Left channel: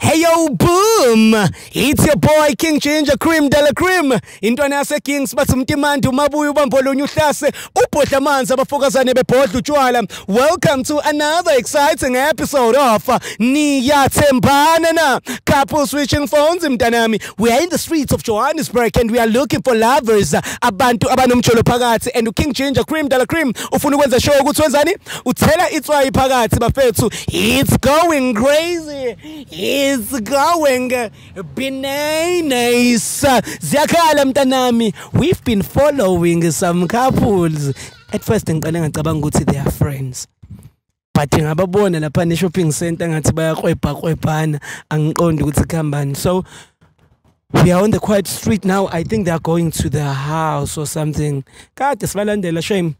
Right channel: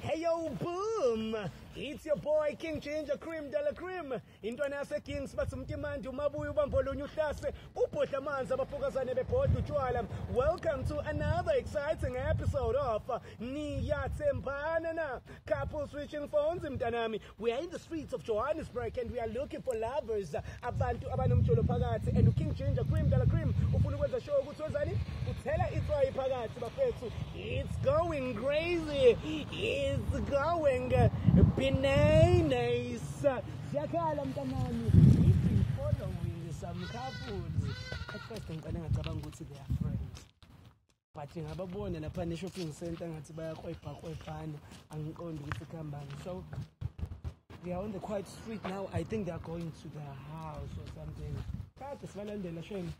Hey yo, boom! It's your boy King Ginger Cream de la Cream. Intwana yase Kings bathumtimandi umabuya ubambolonye uhlase ubhodla amanzi abafokazane bebhodla utshwala. Welcome to another exciting episode of Niyathembana Na. Couple switching phones mntanami. We are in the streets of Johannesburg and we are looking for lovers. Abantu abanomjolo phakathi and King Ginger Cream de la Cream ufuna ukwenza show ukuthi wenzani? Uthela itswayi phakathi bafethu. It's going crazy. It's going bananas. Ziyakhala mntanami. We've been following some couples. At first ngiqale ngacabanga ukuthi they are friends. But ngababona lapha ne shopping center ngathi bayakwebhana angiqondi ukuthi khambani. So we are on the quiet street now. I think they are going to their house or something. Kade sibalandela shame.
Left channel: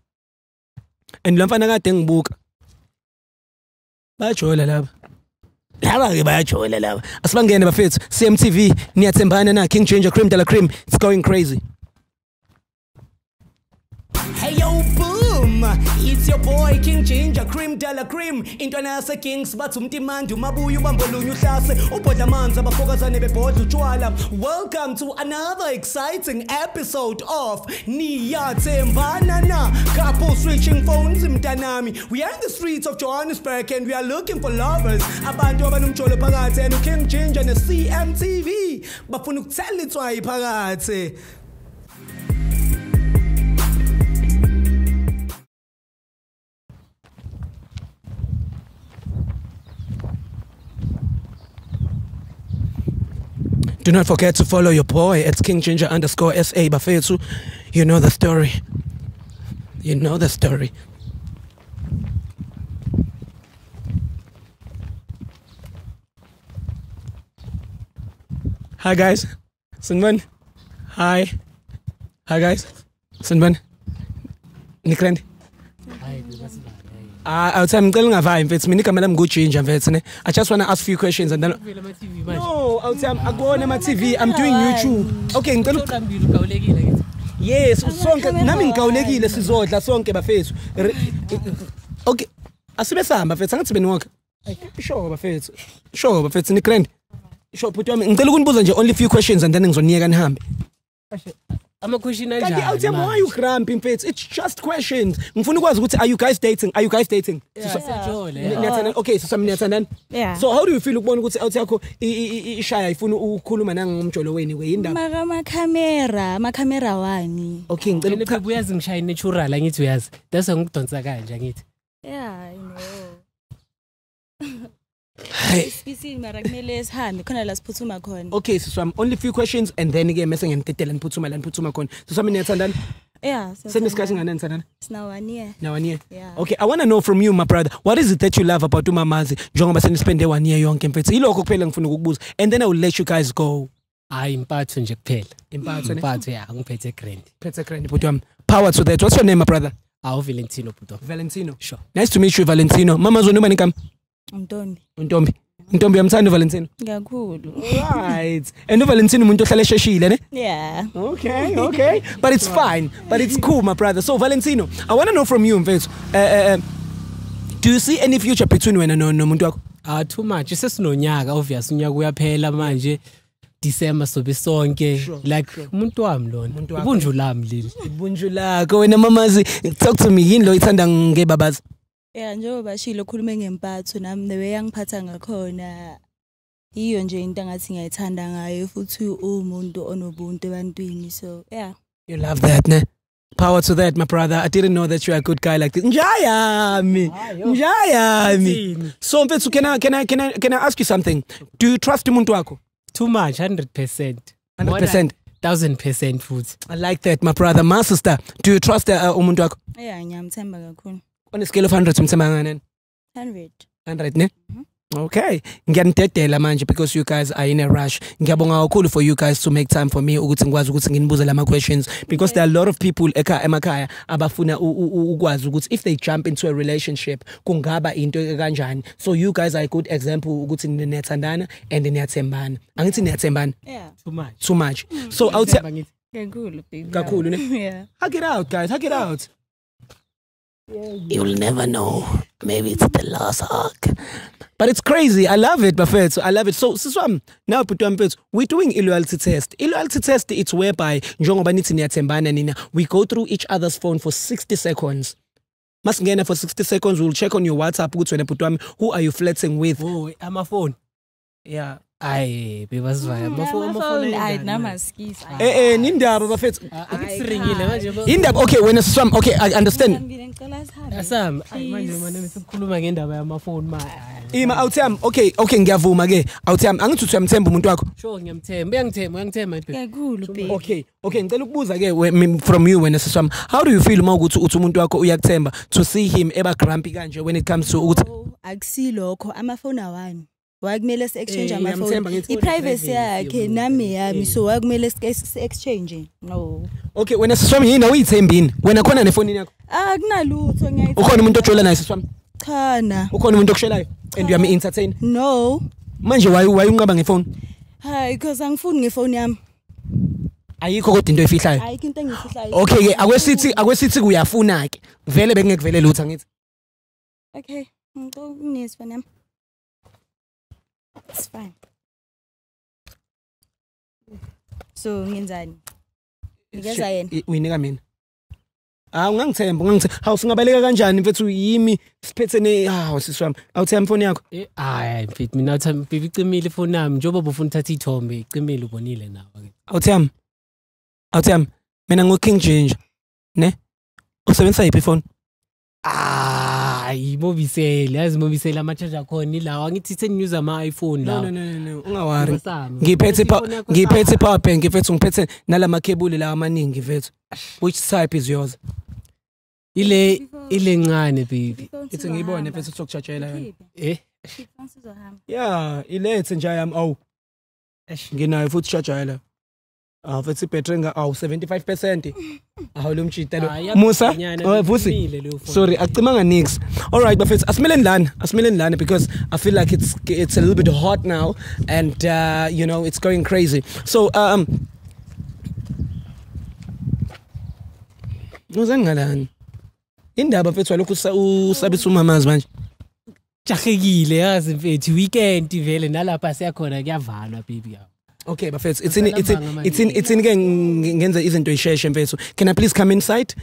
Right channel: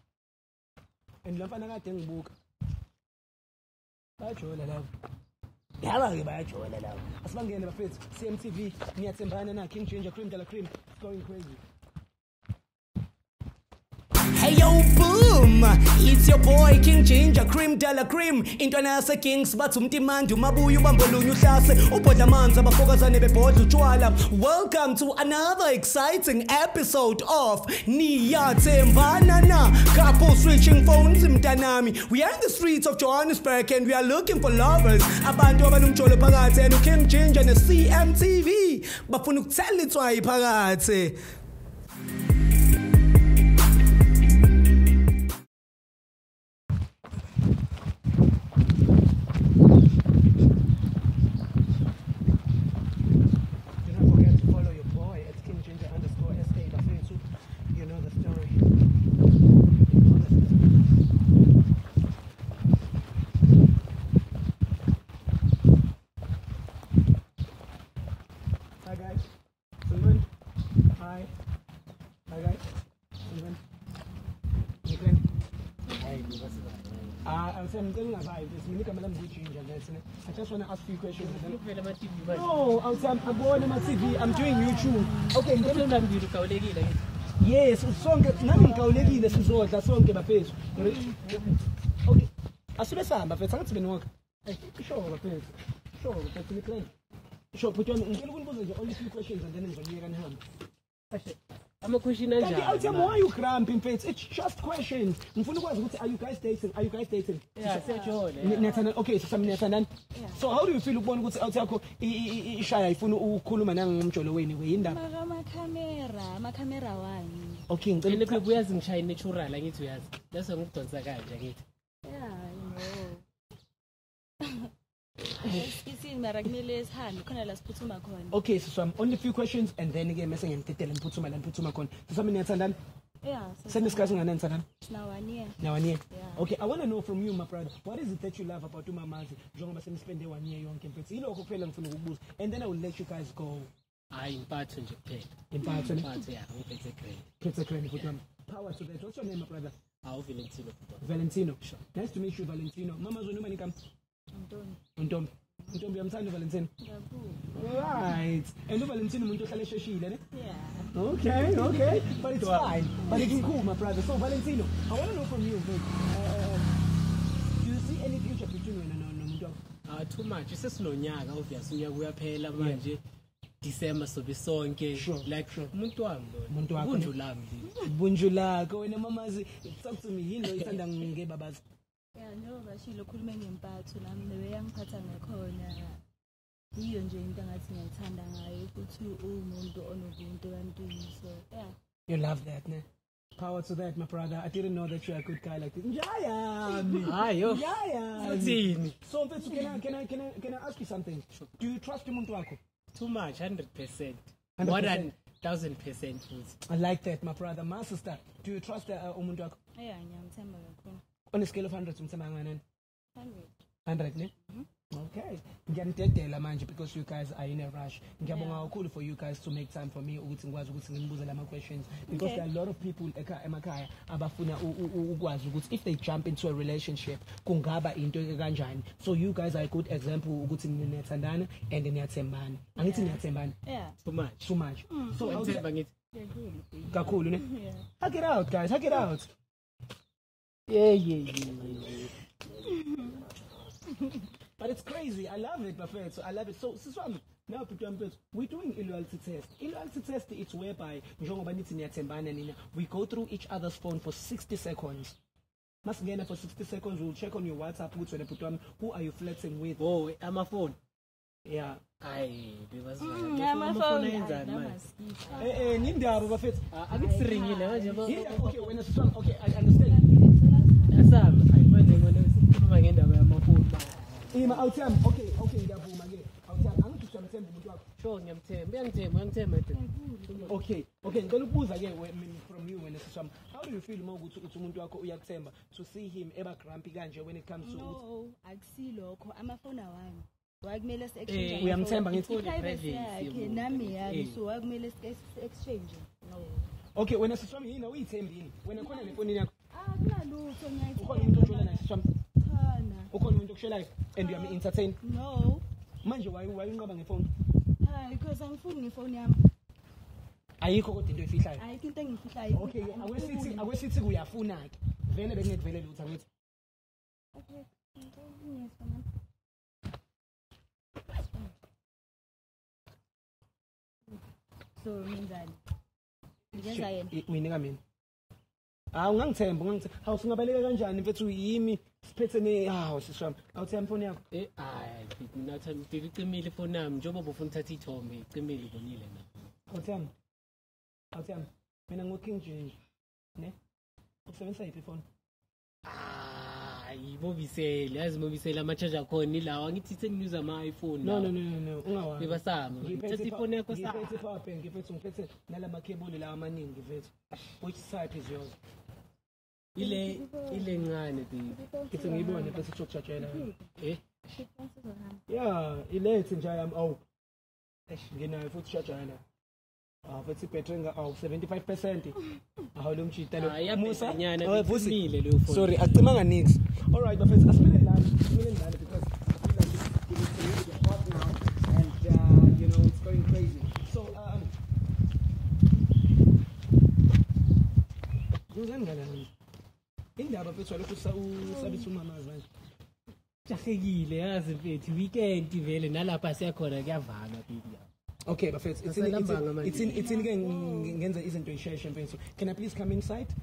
And lamfana kade ngibuka. Bajola lapha. Laba ke bayajola laba. Asibangene bafethu. CMTV Niyathembana Na King Ginger Cream de la Cream. It's going crazy. Hey yo, boom! It's your boy King Ginger Cream de la Cream. Intwana yase Kings bathumtimandi umabuya ubambolonye uhlase ubhodla amanzi abafokazane bebhodla utshwala. Welcome to another exciting episode of Niyathembana Na. Couple switching phones mntanami. We are in the streets of Johannesburg and we are looking for lovers. Abantu abanomjolo phakathi and King Ginger ne CMTV bafuna ukuthela itswayi phakathi. Do not forget to follow your boy at KingGinger_SA bafethu. You know the story. You know the story. Hi guys. Sinban. Hi. Hi guys. Sinban. Nikrend. I was telling you, I just want to ask a few questions and then. No, I go on my TV. I'm doing YouTube. Okay, yes, song. Nami ngikawulekile sizodla sonke bafethu. Okay, asibesamba bafethu angathi beniwonke. Sure bafethu. Sure bafethu nikrend. Sure but wami ngicela ukunibuza nje only few questions and then ngizoniyeka nihambe. Question why you cramping mfethu? It's just questions. Ngifuna ukwazi ukuthi are you guys dating? Are you guys dating? Okay, so Niyathembana. Yeah. So how do you feel ukubona ukuthi out yakho ishaya ifuna ukukhuluma nangomjolo weni weyindaba? Makamera wani. Okay, ngicela uyazi ngishaya natural angithi uyazi. That's ngikudonsa kanje angithi. Yeah, I know. Okay, so I'm only few questions and then again messing and titela and putuma kon. So some Niyathembana. Yeah. Send discussing and it's now 1 year. Now 1 year. Yeah. Okay, I want to know from you, my brother. What is it that you love about umamazi? Njengoba spend 1 year yonke mfethu. Ilokho kuphela ngifuna ukukubuza. And then I will let you guys go. Impatho nje kuphela. Impatho yeah, ngiphethe grand. Phethe grand but power to that. What's your name, my brother? Valentino puto. Valentino. Sure. Nice to meet you, Valentino. Mama zona ubani kam? Ntombi. Ntombi yamthanda Valentino. Kakhulu. Right. And Valentino umuntu ohlala esheshile ne? Yeah. Okay. But it's fine. But it's cool, my brother. So Valentino, I want to know from you mfethu. Do you see any future between wena nomuntu wakho? Too much. Sesinonyaka obvious unyaka uyaphela manje. December sobe sonke like umuntu wami lona. Ubunju lami leli. Ubunju lakho wena mamazi. Talk to me. Yini lo ithanda ngebabazi? Yeah, njengoba shilo khulume ngempatho nami the way yangiphatha ngakhona iyo nje into ngathi ngiyayithanda ngayo futhi umuntu onobuntu ebantwini so yeah. You love that, ne? Power to that, my brother. I didn't know that you're a good guy like this. Njayami. So mfethu can I ask you something? Do you trust umuntu wakho? Too much, 100%. 100%. 1000% food. I like that, my brother. My sister, do you trust umuntu wakho? Yeah, ngiyamthemba kakhulu. On a scale of 100 umthemba ngani? 100. 100 ne? Okay. Ngiyanidedela manje because you guys are in a rush. Ngiyabonga kakhulu for you guys to make time for me ukuthi ngikwazi ukuthi nginibuze lama questions because there are a lot of people emakhaya abafuna ukwazi ukuthi if they jump into a relationship kungaba into kanjani. So you guys are a good example ukuthi Niyathandana and Niyathembana. Angithi Niyathembana? Yeah. Too much. So I would say kakhulu baby. Kakhulu ne? Yeah. Hug it out guys, hug it out. Yeah. You'll never know. Maybe it's the last hug. But it's crazy. I love it, Bafethu. I love it. So, now we're doing a loyalty test. A loyalty test, it's whereby we go through each other's phone for 60 seconds. Masingena for 60 seconds, we'll check on your WhatsApp. Who are you flirting with? Oh, I'm a phone. Yeah. Aye, because I'm a phone. Okay, when it's some, okay, I understand. Ima awuthemba okay ngiyavuma ke awuthemba angithi uyamthemba umuntu wakho sure ngiyamthemba okay ngicela ukubuza ke from you wena siswami how do you feel uma ukuthi umuntu wakho uyakuthemba to see him eba grumpy kanje when it comes to ukuthi akusilokho amafoni awani wakumele si exchange amafoni iprivacy yakhe nami yami so wakumele si exchange no okay wena siswami yini awuyithembini wena khona nefoni yakho akunalutho ngiyayithemba ukhona umuntu ojola naye siswami khona ukhona umuntu okushelayo and you are me entertain no manje why unqaba ngefoni hayi because angifuni ngefoni yami ayikho kodwa into efihlayo ayikho into engifihlayo okay ke akwesithi kuyafuna ke vele bengekuvele lutho ngithi okay nginesifoni yami it's fine so ngenzani ngeza yena uyinika mina ungangithemba hawu singabaleka kanjani mfethu yimi siphethene siswami awuthemba ifoni yakho hayi mfethu mina uthamba bibi icimile ifoni yami njengoba ufuna uthatha ithombe icimile ubonile nawe awuthemba mina ngoking ginger ne usebenzisa yiphi ifoni imobisele yazi imobisele ama charger khona ilawa ngithi seniuse ama iPhone la no ungawari ngiphethe power bank mfethu ngiphethe nalama cable la amaningi mfethu which type is yours ile ncane baby ithi ngiyibone mfethu sokuchargela yona yeah ilethe nje yami nginayo futhi charger la futhi battery nga 75% lo mjitelo Musa vusi sorry acimanga nix all right bafethu asimele lana because I feel like it's a little bit hot now and you know it's going crazy so uzangalani indaba mfethu lokhu usabisa umamazi manje jahekile yazi mfethu weekend vele nalapha siyakhona kuyavalwa baby okay bafethu it's in ngenza izinto isheshe mfethu can I please come inside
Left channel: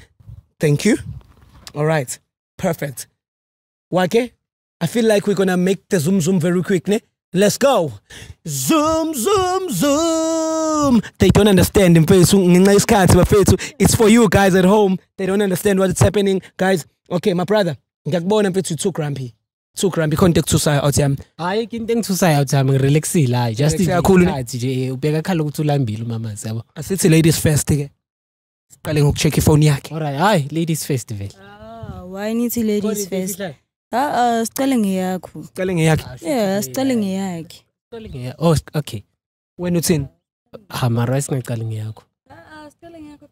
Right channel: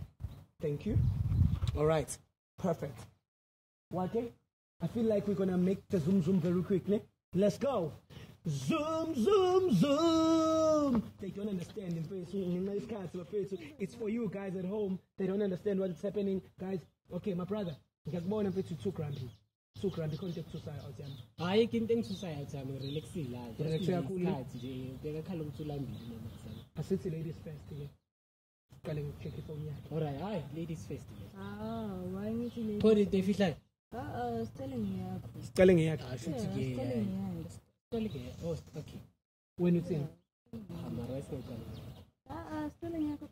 thank you all right perfect wake I feel like we're gonna make the zoom very quick ne let's go zoom they don't understand mfethu ngenxa isikhathi bafethu it's for you guys at home they don't understand what is happening guys okay my brother ngiyakubona mfethu too grumpy contact suicide out yami hayi into engithusayo out yami ngirelaxile hayi just isikhathi nje ubeka khala ukuthi ulambile umamazi yabo asithi ladies first ke siqale ngokucheck ifoni yakhe alright hayi ladies festival why nithi ladies first sicale ngeyakho yeah sicale ngeyakhe oh okay wena uthini mara singaqale ngeyakho sicale ngeyakho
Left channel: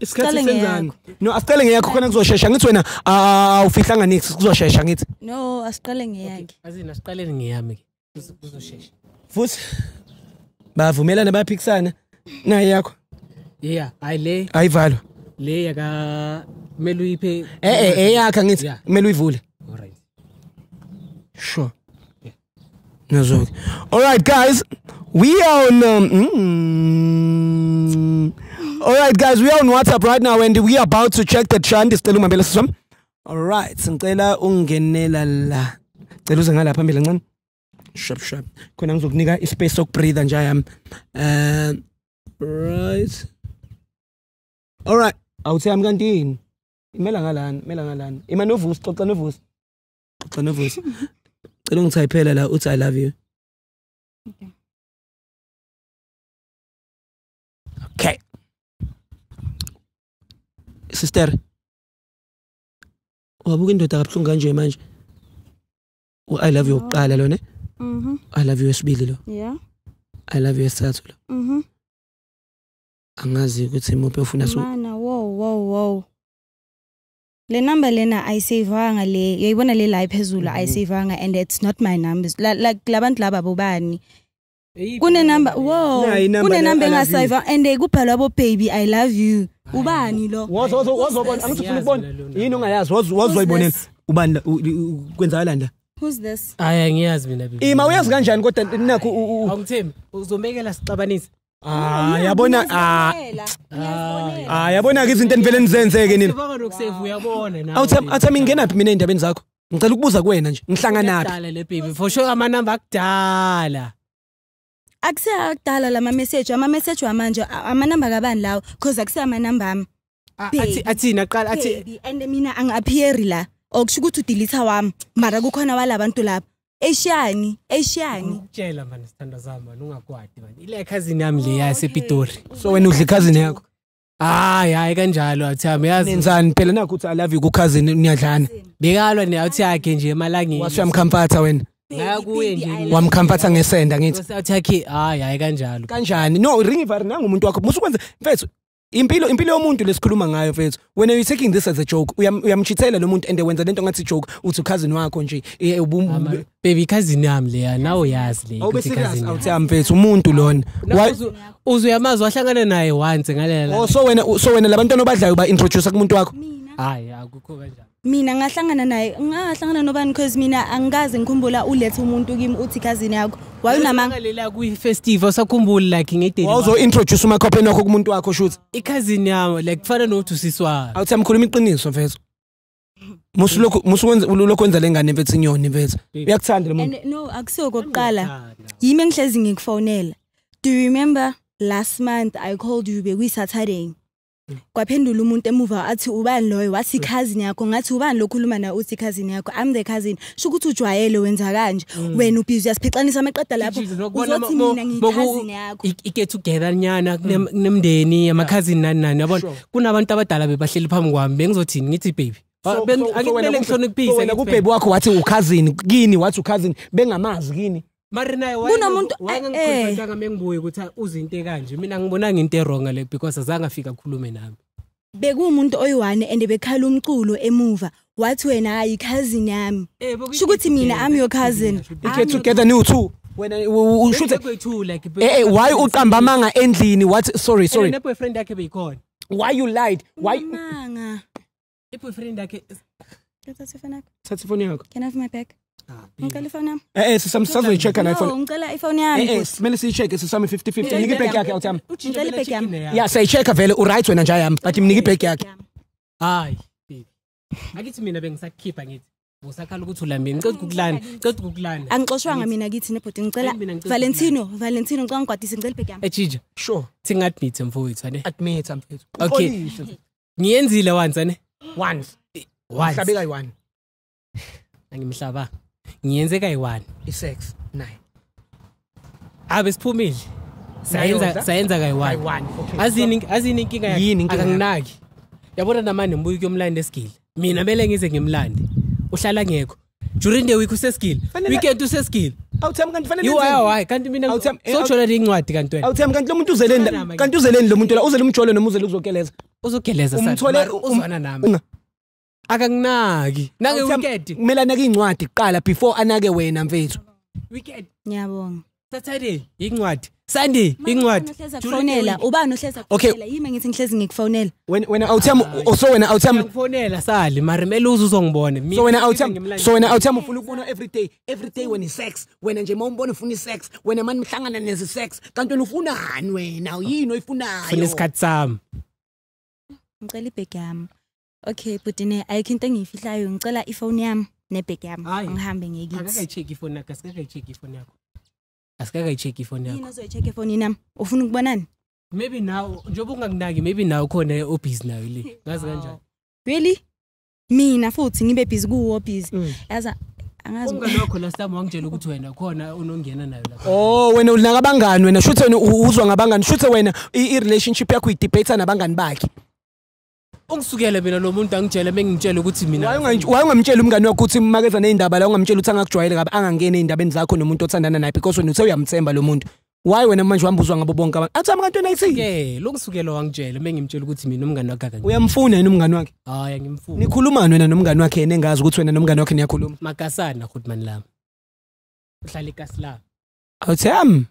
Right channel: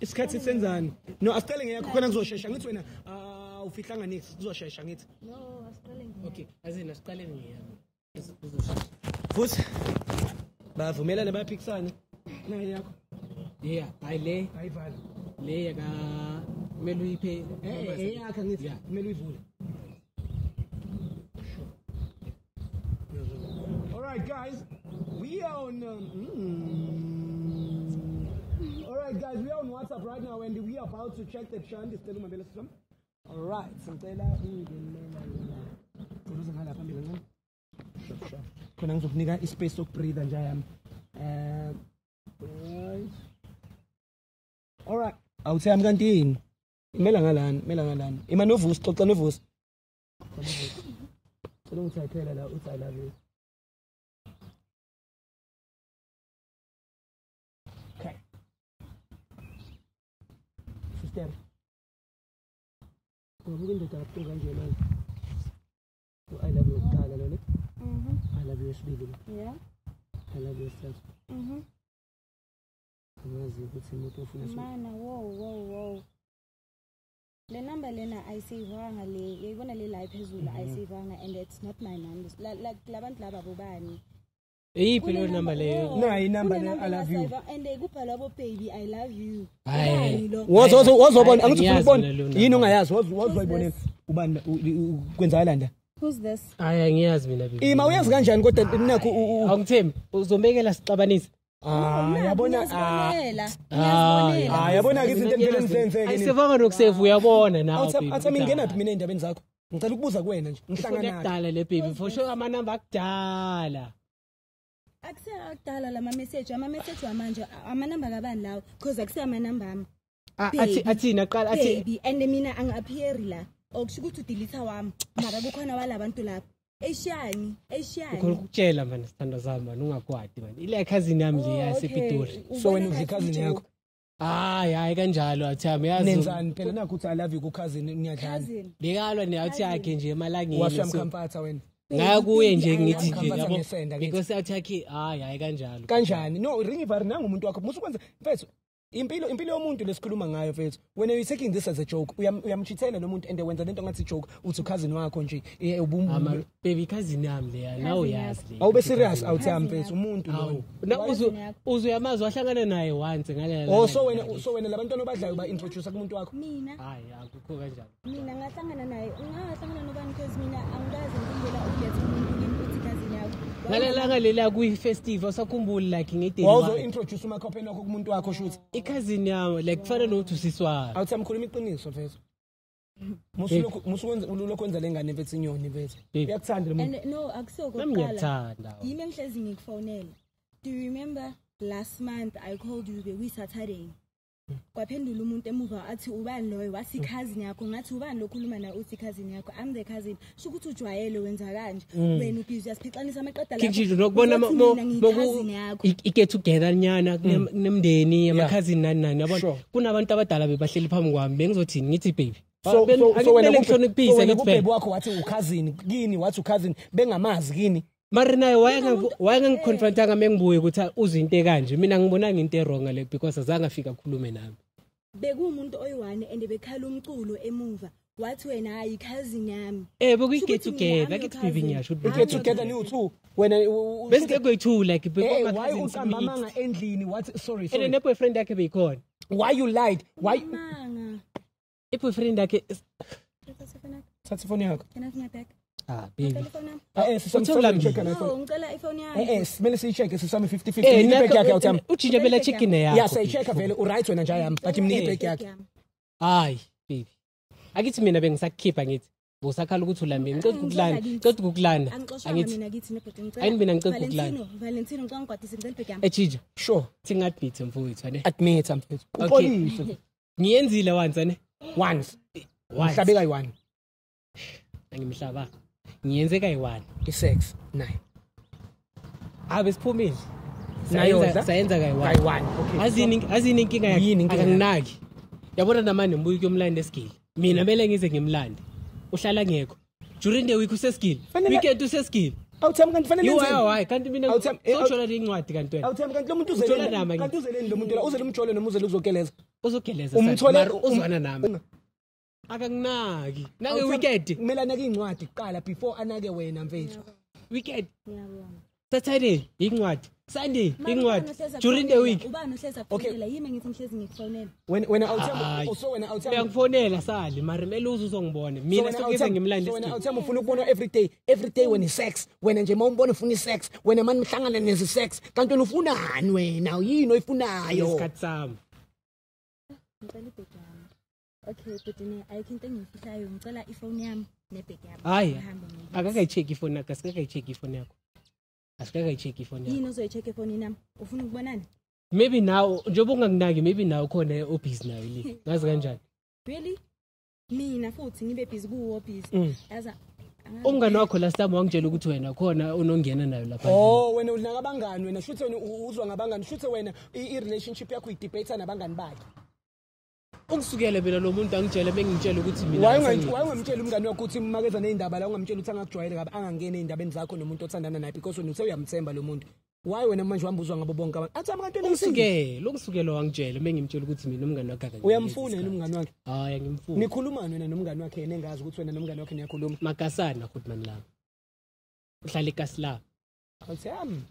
isikhathi senzani no asicale ngeyakho khona kuzoshesha ngithi wena awufihlanga nix kuzoshesha ngithi no asiqale ngeyakhe azina siqaleni ngeyami ke kuzoshesha futhi bavumelana bayaphikisana naye yakho yeah ayile ayivalo le yaka kumele uyiphe eyakha ngithi kumele uyivule alright sure nazo all right guys we are on all right guys we are on WhatsApp right now and we are about to check the chant isicela umambela siswami all right ngicela ungenela la cela uze ngala phambili kancane sharp khona ngizokunika ispace sokubreathe nje yami right all right awuthi yami kanti yini imela ngalana imanovusi xoxa novusi cela ungithayiphela la uthi I love you okay sister wabuka indoda kabuhlungu kanje manje I love you uqala lo ne I love you esibili lo yeah I love you esithathu lo angazi ukuthi imuphi ufuna mana wow le number lena ayisavanga le uyayibona le la iphezulu ayisavanga and it's not my numbers like labantu laba bobani kune number kune number engasave and kubhalwa bo baby I love you ubani lo wazobona angithi ufuna ukubona yini ungayazi wazoyibonela ubani kwenzakala la Who's this? Angiyazi mina bibi. Ima uyazi kanjani kodwa nakho awuthembi uzomekela sixabanise. Yabona yabona ke izinto enivele nizenzeke nini. Sivanga nokusevu uyabona nawe. Awuthami ngingenaphi mina endabeni zakho? Ngicela ukubuza kuwena nje. Ngihlangana naphi? Le baby for sure amanamba akudala. Akudala lama message wamanje amanamba kabani lawo because akusama number ami. Athina qala athi baby and mina angiappear la okusho ukuthi udelete wami mara kukhona walabantu lapha Eshiyani ukutshela manje sithanda zami manje ungakwadi manje ile cousin yami le yasePitori so wena udla cousin yakho hayi kanjalo athami yazi nenzani phela nakho uthi I love you ku cousin niyadlana bekalwa neyathi yakhe nje emalangeni washamkhampatha wena ngaya kuye nje wamkhampatha ngesenda ngithi usathi yakhe hayi kanjalo kanjani no ring ivari nangu umuntu wakho musukwenza mfethu impilo yomuntu lesikhuluma ngayo mfethu when you taking this as a joke uyamchithela lo muntu ende wenza lento ngathi joke uthi cousin wakho nje baby cousin yami leya nawe yazi le awube serious awuthi mfethu umuntu lona uzuyamazi wahlangana naye once ngalela so wena labantwana obadlayo ba introduce kumuntu wakho hayi akukho kanjalo mina ngahlangana nobani because mina angazi ngikhumbula ulethe umuntu kimi uthi cousin yakho wayenamangalela ku festival sakhumbula like ngedate wazo introduce umakhopheni wakho kumuntu wakho shoot i-cousin yami like kufana nothi usiswana awuthi amkhuluma iqiniso mfethu musulokwenza lengane mfethu inyoni mfethu uyakuthanda lo muntu no akusiyo kokuqala yimi ngihlezi ngikufonela do you remember last month I called you bekuyi Saturday kwaphendula umuntu emuva athi ubani loyo wathi cousin yakho ngathi ubani lokhuluma na uthi cousin yakho I'm the cousin sho ukuthi ujwayele wenza kanje wena ubhizi uyasiphixanisa amaqeda lapho uzothi mina ngicousin yakho get together nyana nemndeni ama cousin nani yabona kunabantu abadala bebahleli phambi kwami bengizothini ngithi baby wena kubhebe wakho wathi ucousin kini wathi ucousin bengamazi kini mari naye wayengikhuluma mengibuye ukuthi uzinto kanje mina ngibona into errong le because azange afika ukukhuluma nami bekumuntu oyiwane ende bekhala umculo emuva wathi wena hayi cousin yami sho ukuthi mina I'm your cousin get together new two wena ushuthe kwethu like why uqamba amanga endlini what sorry ne boyfriend yakhe beyikhona why you lied why manga boyfriend yakhe thatha phone yakho can I have my bag ngicela ifone sisami check na iPhone ngicela iPhone yami simele siyicheck sisami 50-50 nginike bag yakhe uthami uthi bela check in ya yeah sayichecka vele uright wena nje yami but nginike bag yakhe hayi baby akithi mina bengisakhipha ngithi usakhala ukuthi ulambile ngicela ukukulanda angixoshwanga mina kithi nebhodi ngicela Valentino ngicela ngigwadise ngicela bag yami ejija sure thinga admit mfowethu ane admit mfowethu okay ngiyenzile once ane once mhlabe kayi1 angimhlaba ngiyenze kayi1 i6 nayi abe siphumile sayenza kayi1 azini inkinga akanginaki yabona namanje mbuyi kuyomlanda esigili mina mele ngize ngimlande uhlala ngekho during the week usesigili weekend usesigili awuthami kanti fanele hayi kanti mina sojola incwadi kanti wena awuthami kanti lo muntu uzeleni kanti uzeleni lo muntu la uzele umjolo noma uzele uzogeleza uzwana nami akanginaki nange weekend kumele anake incwadi kuqala before anake wena mfethu weekend ngiyabonga Saturday incwadi Sunday incwadi Jurinela ubani ohleza kuphela yimi ngithi ngihlezi ngikufonela wena awuthami so wena awuthami ukufonela sali mara mele uzongibona mina so wena awuthami ufuna ukubona every day when is sex wena nje mawumbona ufuna sex wena manje mhlangana nezi sex kanti ufunani wena yini oyifunayo isikhathi sami ngicela ibheg yami okay but ayikho into engiyifihlayo ngicela iphone yami nebheg yami ngihambe ngekithi akake check iphone yakho asikake check iphone yakho yini uzoyi-check iphone nami ufuna ukubonani maybe now njengoba ungakunaki maybe now khona obhizi nayo le ngazi kanjani really mina futhi ngibe busy kuwo busy yaza angazi ungani wakho last time wangitshela ukuthi wena khona unongena nayo lapha wena ulaka abangani wena shuthe wena uzwa ngabangani shuthe wena i-relationship yakho idebate nabangani bakhe ongisukela mina lo muntu angitshela bengitshela ukuthi mina wayengamtshela umngani wakho ukuthi makeza neindaba la ungamtshela ukuthi angakujwayele kabi angangene eindabeni zakho nomuntu othandana naye because wena uthe uyamthemba lo muntu why wena manje uhambuzwa ngabo bonke abantu athi amantwana ayisike lokusukela wangitshela bengimtshela ukuthi mina umngani wakhe akake uyamfuna yena umngani wakhe hayi ngimfuna nikhulumana wena nomngani wakhe yena engazi ukuthi wena nomngani wakhe niyakhuluma makasana goodman lami uhlala eKasla awuthami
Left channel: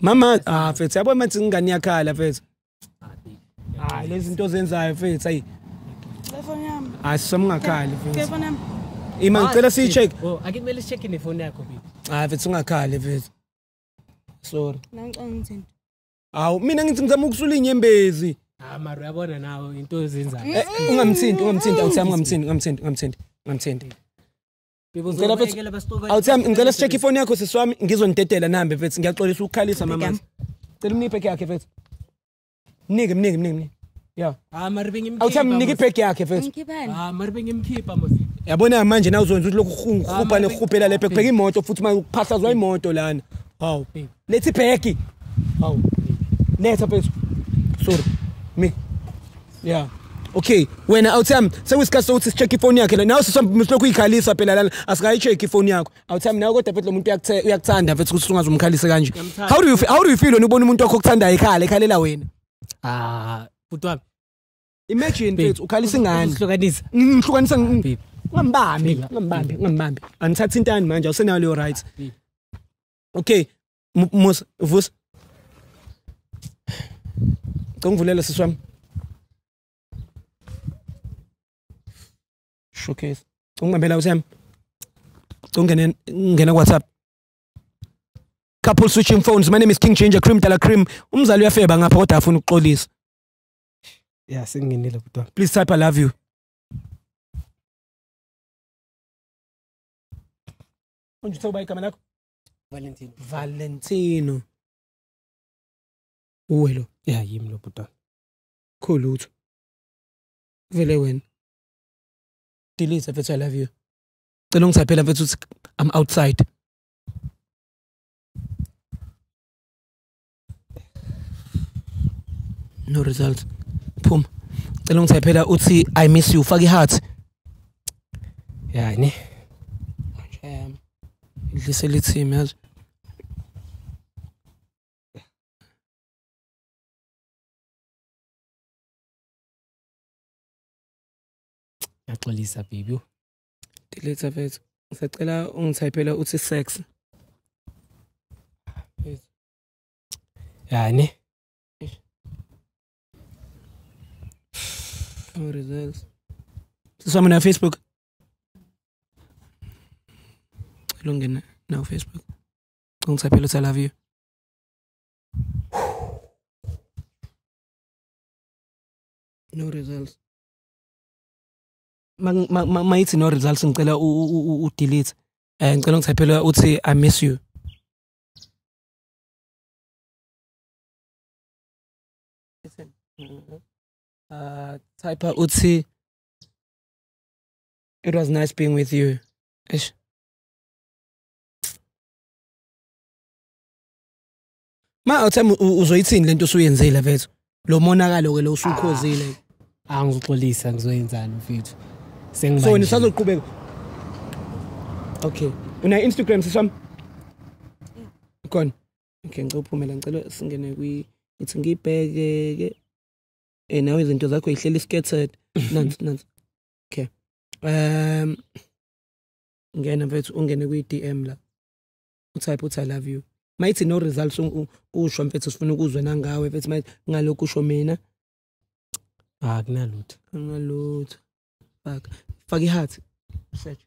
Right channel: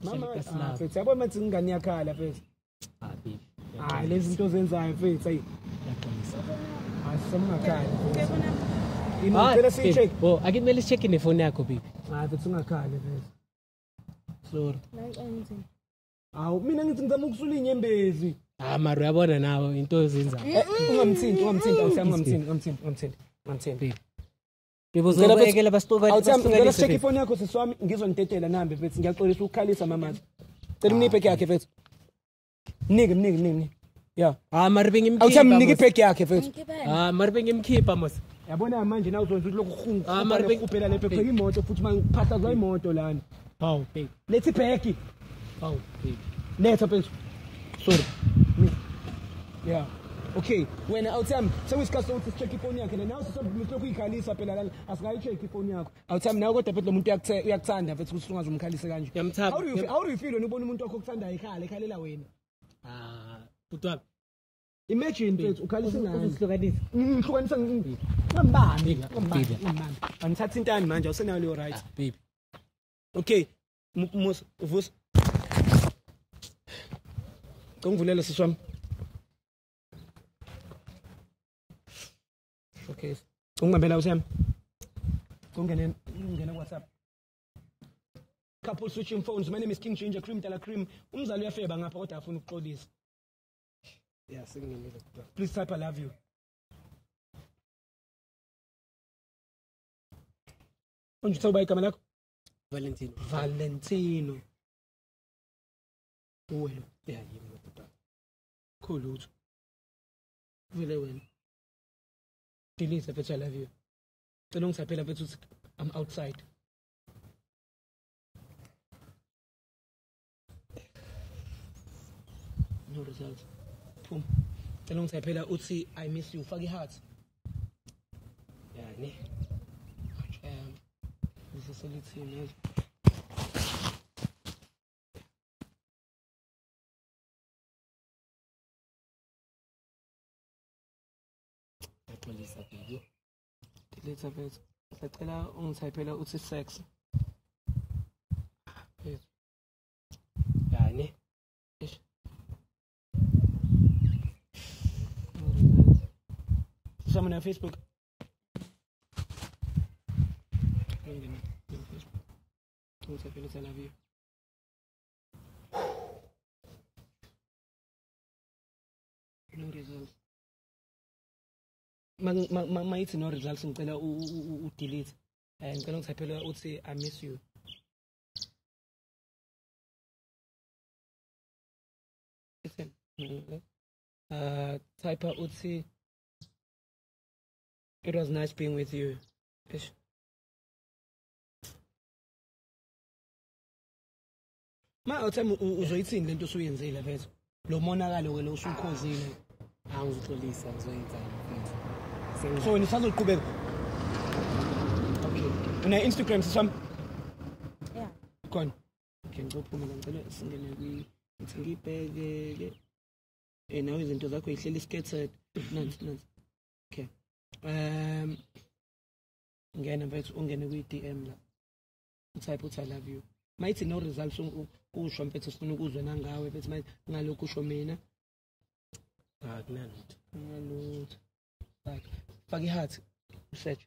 mama mfethu yabo mathi ingane yakhala mfethu lezi zinto zenzayo mfethu ayi iphone yami asisamngakhali iphone yami Ima ngicela siyi-check. Oh, akumele check nefoni yakho baby. Mfethu ungakhali mfethu. Sorry. Nangiqongi. Awu mina ngithi ngizama ukusula inyembezi. Mara uyabona nawe into ezenza. Ungamthinti ungamthinti. Ngibuzobekela basitoka. Awuthami ngicela si-check ifoni yakho sisiwami ngizonidedela nambe mfethu ngiyaxolisa ukukhalisa mama. Cela mniphe yakhe mfethu. Mnike. Yeah. Mara bengimkhipha. Awuthami mnike ibhegi yakhe mfethu. Mara bengimkhipha mos. Yabona manje na uzonza ukuthi lokhu ukhupha nekhupela lephe kubheka imoto futhi mayuphahlazwa imoto lana. Hawu. Lethi ibhegi. Hawu. Letha mfethu. Sorry. Me. Yeah. Okay, wena awuthami sekuyisikhathi sokuthi si-check ifoni yakhe la. Nawe sisilokhu uyikhalisa phela lana asikayi-check ifoni yakho. Awuthami nawe kodwa phela lo muntu uyakuthanda mfethu ukuthi ungazumkhalise kanje. How do you feel when ubona umuntu wakho okuthandayo ekhalela wena? Butwami. Imagine mfethu ukhalisa ingane. Ngihlukanisa. Ngihlukanisa ngambambi. Anithatha intani manje awusenayo leyo right. Okay, Musa vusa. Ngikuvulela siswami. Showcase. Ungibambela uthami. Ngena WhatsApp. Couple switching phones. My name is King Changer Cream Dala Cream. Umzali uyafeba ngapha kodwa afuna ukuxolisa. Yeah, sengingenile butwa. Please type I love you. Unjitha uba igama lakho? Valentino. Uwelo. Yeah, yimi lo butwa. Cool utho. Vele wena. Delete if I love you. Cela ungisaphela mfethu uthi I'm outside. No result. Phuma. Cela ungisaphela uthi I miss you. Faka iheart. Yani. Idlise lithimi yazi. Yaxolisa baby. Delete mfethu. Ngisacela ungithaphela uthi sex. Yani. No results. Siswami na Facebook. Lungena na Facebook. Ungithaphela uthi I love you. No results. Mayithi no results ngicela delete. Ngicela ungithaphela uthi I miss you. Type uthi it was nice being with you. Eish. Awuthami uzoyithini lento usuyenzile mfethu. Lo monakalo ke lo usukhozile. Angixolisa ngizoyenzani mfethu. So nisazoqhubeka. Okay. Una Instagram siswami? Yeah. Khona. Okay, ngicela uphumela ngicela singene ithi ngibheke ke nawe izinto zakho ihleli scattered. Nansi. Okay. Ngena mfethu ungene kwi-DM la. Utype uthi I love you. Mayithi no results usho mfethu sifuna ukuzwa nangawe mfethu mayithi ngalokho usho mina. Kunalutho. Faka iheart. Search.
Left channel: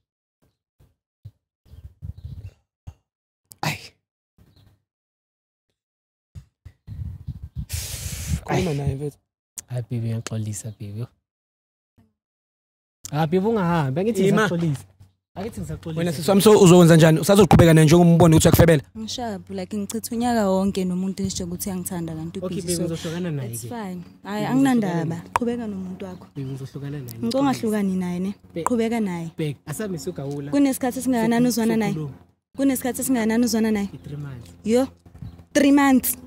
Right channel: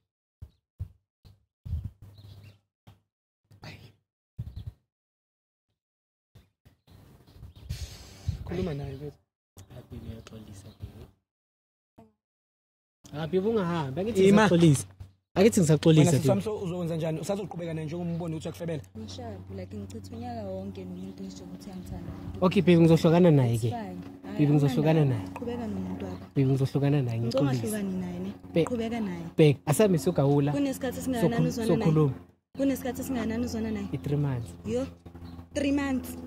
Ay. Khuluma naye mfethu. Hayi baby ngiyaxolisa baby. Baby ungahambi ngithi ngisaxolisa. Akithi ngisaxolisa. Sami so uzowenza njani? Usazoqhubeka naye njengomboni ukuthi uyakufebela? Ngishaphu like ngichitha unyaka wonke nomuntu ngisho ukuthi uyangithanda kanti Okay baby ngizohlukana naye ke. Hayi anginandaba. Qhubeka nomuntu wakho. Ngizohlukana naye. Ngicongahlukani naye ne. Qhubeka naye. Bhek asami sogawula. Kunesikhathi singakanani uzwana naye? Kunesikhathi singakanani uzwana naye? 3 months. Yo. 3 months.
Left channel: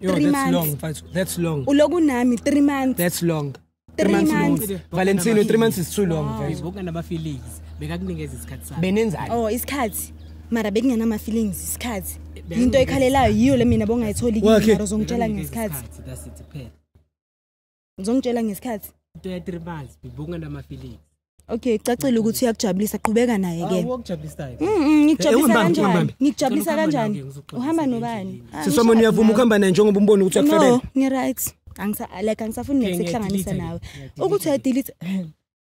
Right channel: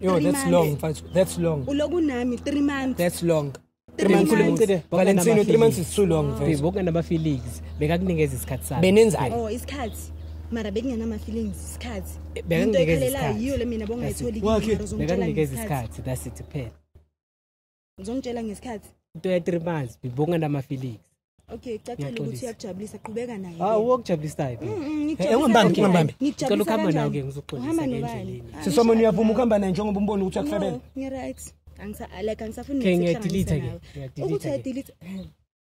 Yo, that's long, mfethu. That's long. Uloku nami 3 months. That's long. 3 months long. Valentino 3 months is too long mfethu. Bonke nama feelings. Bekakunikeza isikhathi sakhe. Benenzani? Oh, isikhathi. Mara bekungena ama feelings isikhathi. Into ekhalelayo yiyo le mina bongayitholi kimi zongitshela ngesikhathi. That's it phela. Ngizongitshela ngesikhathi. 3 months bonke nama feelings. Okay, cacile ukuthi uyakujabulisa qhubeka naye ke. Awukujabulisa yini? Ngikujabulisa kanjani? Uhamba nobani? Sisoma niyavuma ukuhamba naye njengoba umbona ukuthi uyakufebela. No, ni right. Angisafuni nikuhlanganisa nawe. Ukuthi I delete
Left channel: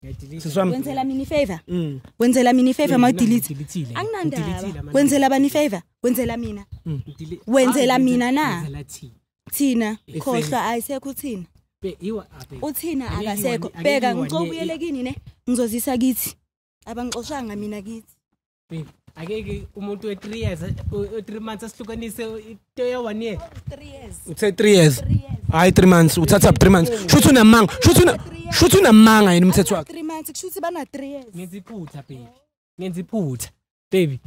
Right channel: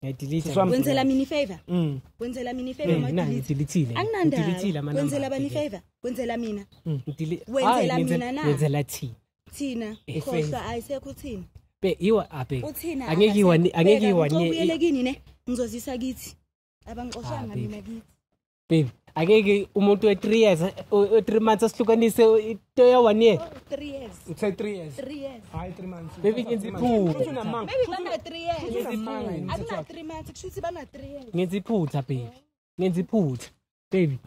Wenzela mini favor. Wenzela mini favor ma delete. Anginandaba. Wenzela bani favor. Wenzela mina. Wenzela mina na. Wenzela Thina. Khohlwa ayisekho uthina. Iwa abe. Uthina angeke ngicobuyelekini ne. Ngizozisa kithi. Abangixoshanga mina kithi. Babe, angeke umuntu we 3 years, 3 months asihlukanise into ya 1 year. 3 years. Uthe 3 years. Hayi 3 months, uthatha 3 months. Shuthi unamanga, shuthi unamanga yini umthetho wakho. 3 months kushuthi bana 3 years. Ngenza iphutha baby. Ngenza iphutha. Baby.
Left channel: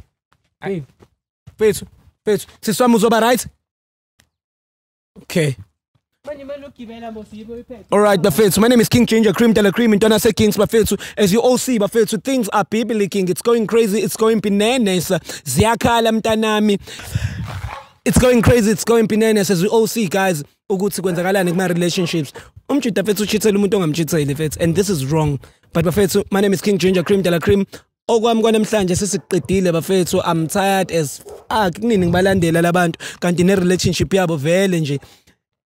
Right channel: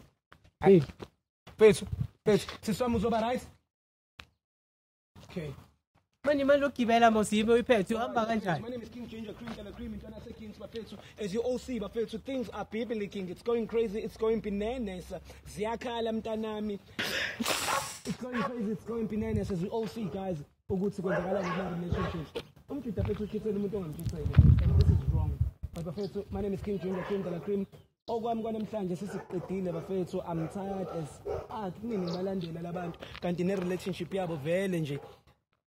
Baby. Pethu, siswami uzoba right? Okay. Alright, Bafethu. My name is King Ginger Cream Dela Cream in Donase Kings Bafethu. As you all see, Bafethu, things are biblical. It's going crazy, it's going bananas. Ziyakhala mntanami. It's going crazy, it's going bananas. As we all see, guys, ukuthi kwenzakalani kuma relationships. Umchita Bafethu chithela umuntu ongamchitheli Bafethu, and this is wrong. But Bafethu, my name is King Ginger Cream Dela Cream. Okwami kwanamhlanje sesiqedile Bafethu. I'm tired as kunini ngibalandela labantu kanti ne relationship yabo vele nje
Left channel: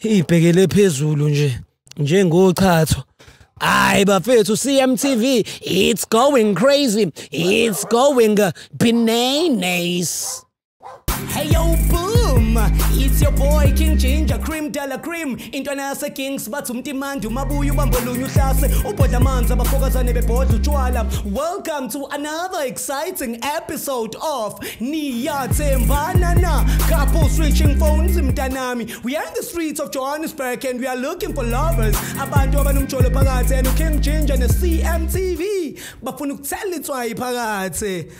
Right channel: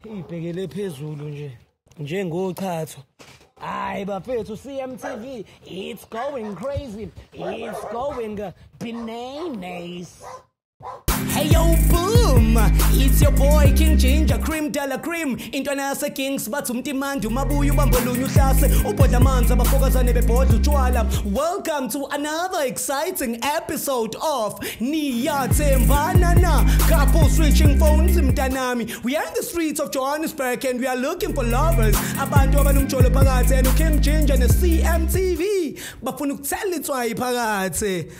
ibhekele phezulu nje njengochatho. Hayi Bafethu, CMTV, it's going crazy, it's going bananas. Hey yo boom, it's your boy King Ginger Cream Dela Cream intwana yase Kings bathi umtimandi umabuya ubambolunya uhlase ubhodla amanzi abafokazane bebhodla utshwala. Welcome to another exciting episode of Niyathembana Na, couple switching phones mntanami. We are in the streets of Johannesburg and we are looking for lovers, abantu abanomjolo phakathi and King Ginger ne CMTV bafuna ukuthela itswayi phakathi.